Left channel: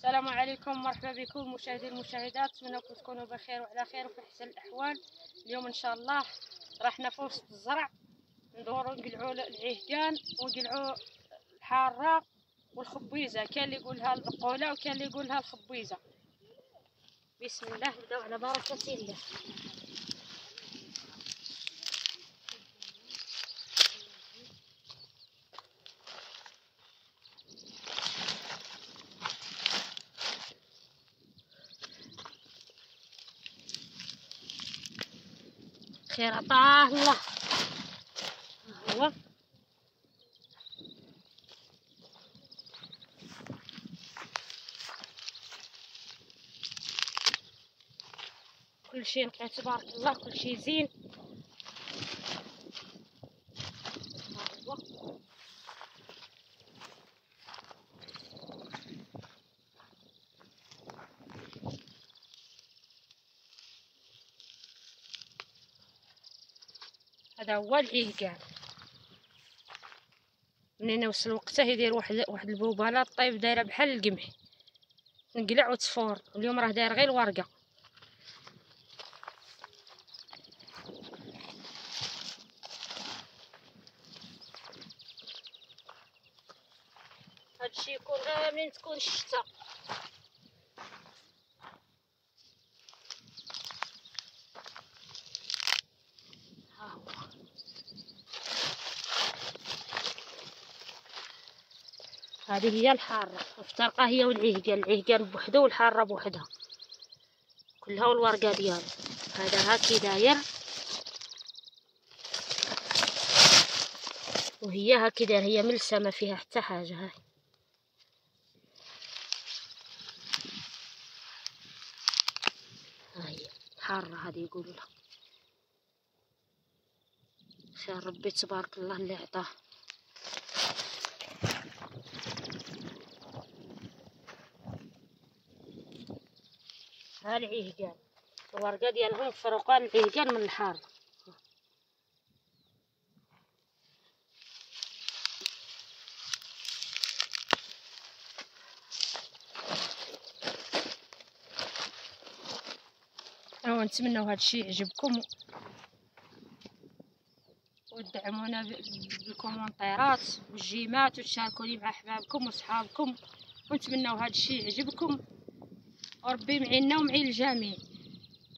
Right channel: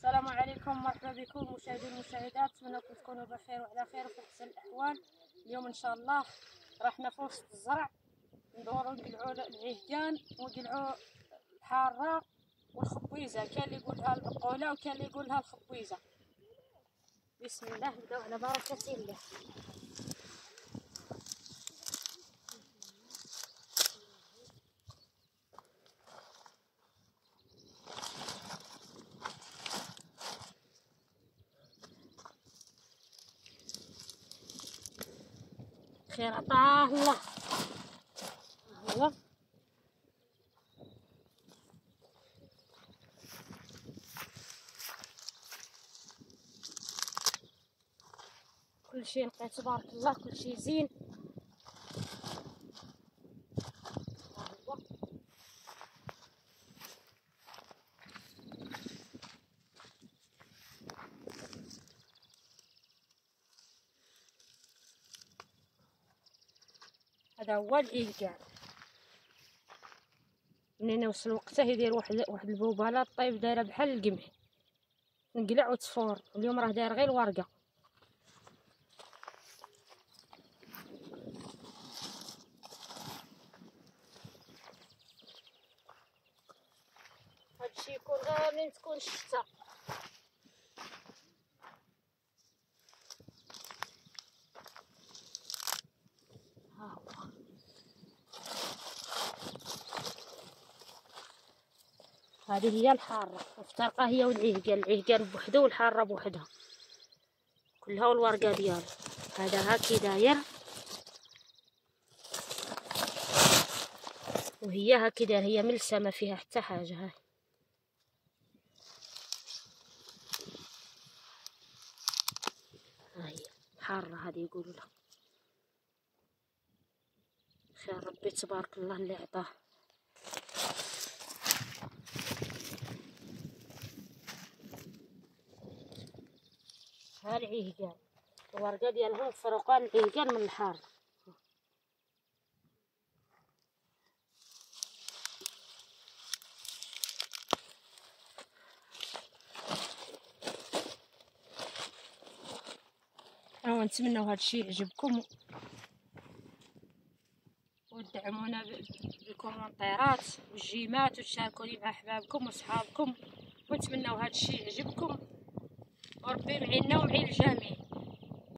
السلام عليكم، مرحبا بكم مشاهدي المشاهدات. اتمنىكم تكونوا بخير وعلى خير وفي احسن الاحوال. اليوم ان شاء الله رحنا في وسط الزرع ندوروا نقلعوا العهقان ونقلعوا الحاره والخبيزه. كان اللي يقولها البقوله وكان اللي يقولها الخبيزه. بسم الله، نبداو على بركه الله. خير عطاه الله. هو كل شيء نقي تبارك الله، كل شيء زين. هذا هو العهقان. منين يوصل وقته يدير واحد البوبالة طيب دايره بحال القمح، نقلع وتصفور. اليوم راه داير غير الورقه. هادشي يكون غير منين تكون الشتا. ها هو هذه هي الحاره مفترقه، هي العهقان بوحدو والحاره بوحدها كلها والورقه ديالو. هذا هاكي داير وهي هاكي داير، هي ملسه ما فيها حتى حاجه. هاي هاي الحاره هذه يقولوا لها. خير ربي تبارك الله اللي عطاه. ها العهقان الورقه ديالهم فرقان العهقان من الحاره. ونتمنوا هذا الشيء يعجبكم وتدعمونا بالكومنتيرات والجيمات وتشاركوني مع احبابكم وصحابكم. ونتمنوا هذا الشيء يعجبكم وربي معينا ومعين الجميع.